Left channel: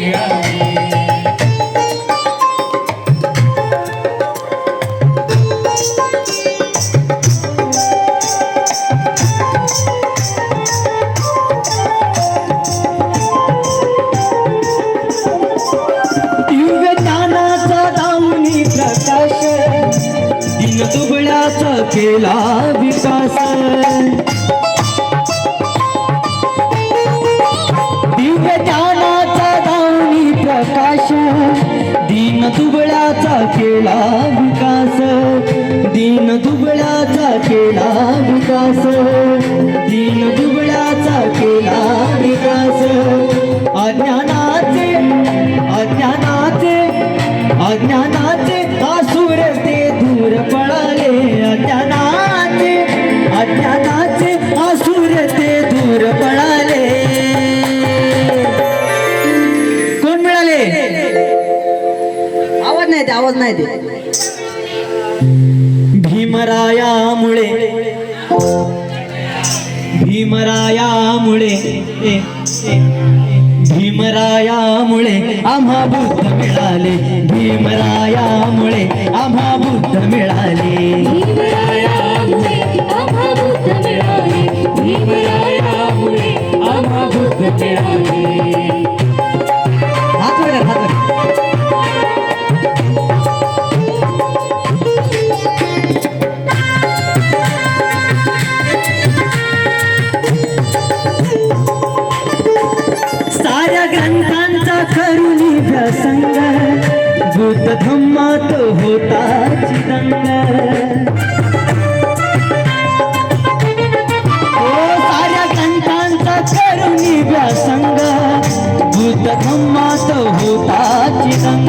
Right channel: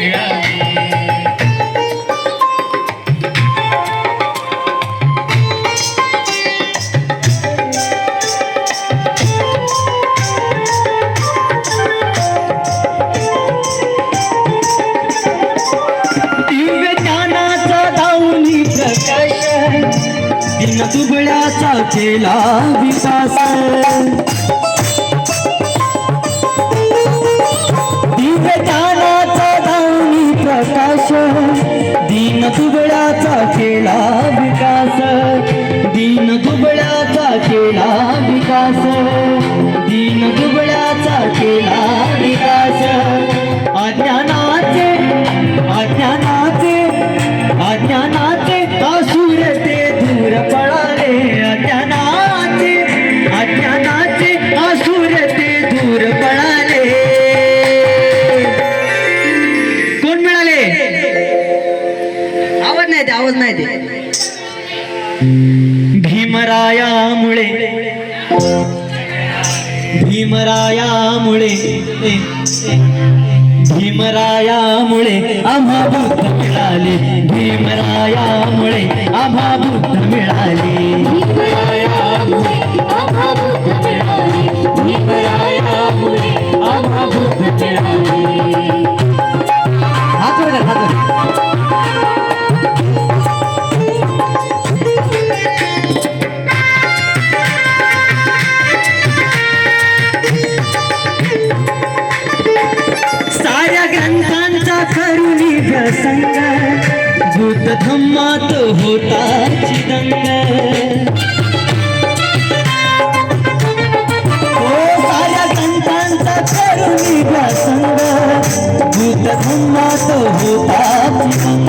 मिळाले. दिन दुबळ्याचा केला विकास दिव्य ज्ञानाचा दावणी प्रकाश दिन दुबळ्याचा केला विकास दिन दुबळ्याचा केला विकास दिन दुबळ्याचा केला विकास अज्ञानाचे अज्ञानाचे अज्ञानाचे आसुर ते दूर पळाले अज्ञानाचे अज्ञानाचे आसुर ते दूर पळाले. कोण मिळाले? आवाज नाही ते आवाज नाही ते भीमरायामुळे भीमरायामुळे भीमरायामुळे आम्हा बुद्ध मिळाले भीमरायामुळे आम्हा बुद्ध मिळाले भीमरायामुळे आम्हा बुद्ध मिळाले. हात वर हात वर. साऱ्या ग्रंथांचा खरुनी प्रसंग बुद्ध धम्मात होता चिदंग. साऱ्या ग्रंथांचा खरुनी प्रसंग बुद्ध धम्मात होता चिदंग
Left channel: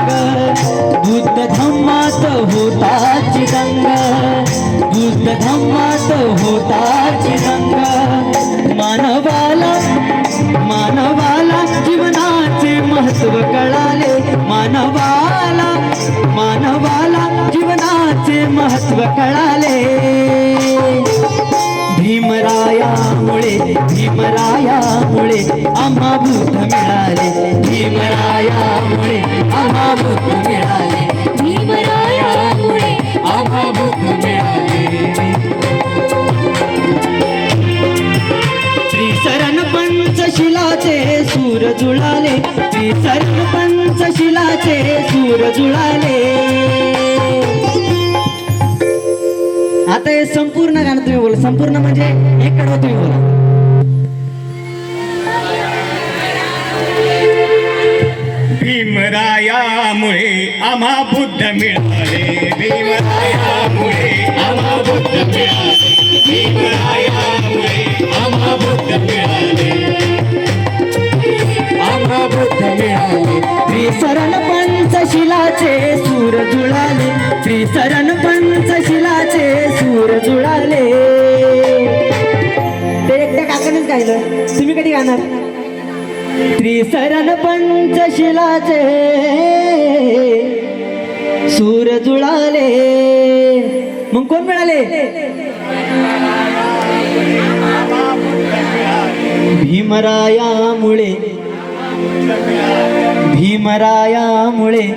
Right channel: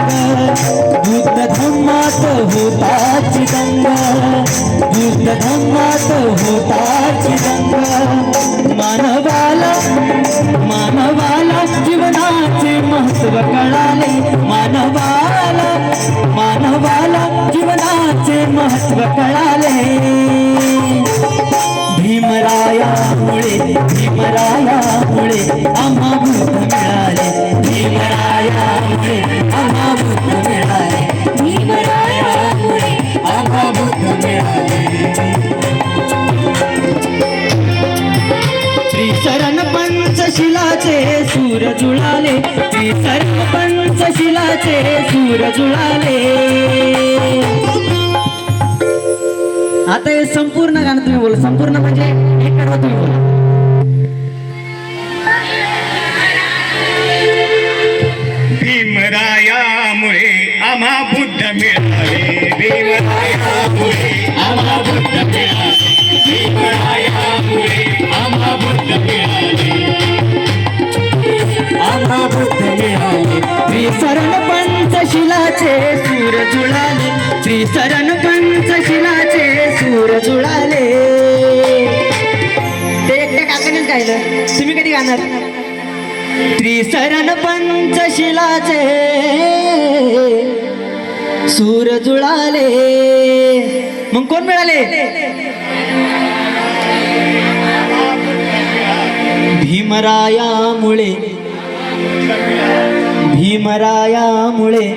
बुद्ध धम्मात होता चिदंग बुद्ध धम्मात होता चिदंग. मानवाला मानवाला जीवनाचे महत्व कळाले मानवाला मानवाला जीवनाचे महत्व कळाले. भीमरायामुळे भीमरायामुळे आम्हा बुद्ध मिळाले भीमरायामुळे आम्हा बुद्ध मिळाले भीमरायामुळे आम्हा बुद्ध मिळाले. त्रिसरण पंचशिलाचे सूर जुळाले त्रिसरण पंचशिलाचे सूर जुळाले. आता हे संपूर्ण गाणं तुम्ही बोला संपूर्ण म्हणजे एक कडवं तुम्ही बोला. भीमरायामुळे आम्हा बुद्ध मिळाले भीमरायामुळे आम्हा बुद्ध मिळाले भीमरायामुळे आम्हा बुद्ध मिळाले आम्हा बुद्ध मिळाले. त्रिसरण पंचशिलाचे सूर जुळाले त्रिसरण पंचशिलाचे सूर जुळाले. ते एकट्या काकानेच गायलं तुम्ही कधी गाणार? त्रिसरण पंचशिलाचे सूर जुळाले. मग कोण मिळाले? भीमरायामुळे भीमरायामुळे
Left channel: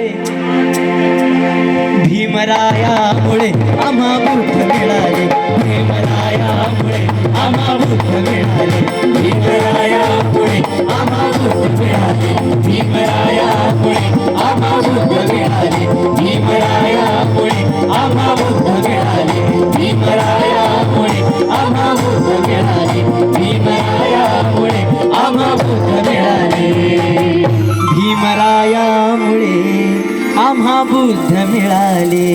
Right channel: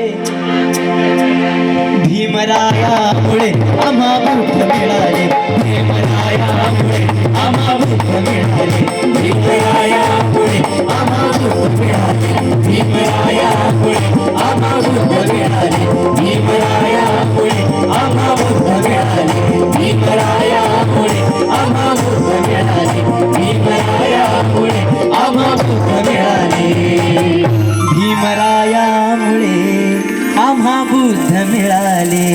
भीमरायामुळे आम्हा बुद्ध मिळाले भीमरायामुळे आम्हा बुद्ध मिळाले भीमरायामुळे आम्हा बुद्ध मिळाले भीमरायामुळे आम्हा बुद्ध मिळाले भीमरायामुळे आम्हा बुद्ध मिळाले भीमरायामुळे आम्हा बुद्ध मिळाले भीमरायामुळे आम्हा बुद्ध मिळाले भीमरायामुळे आम्हा बुद्ध मिळाले.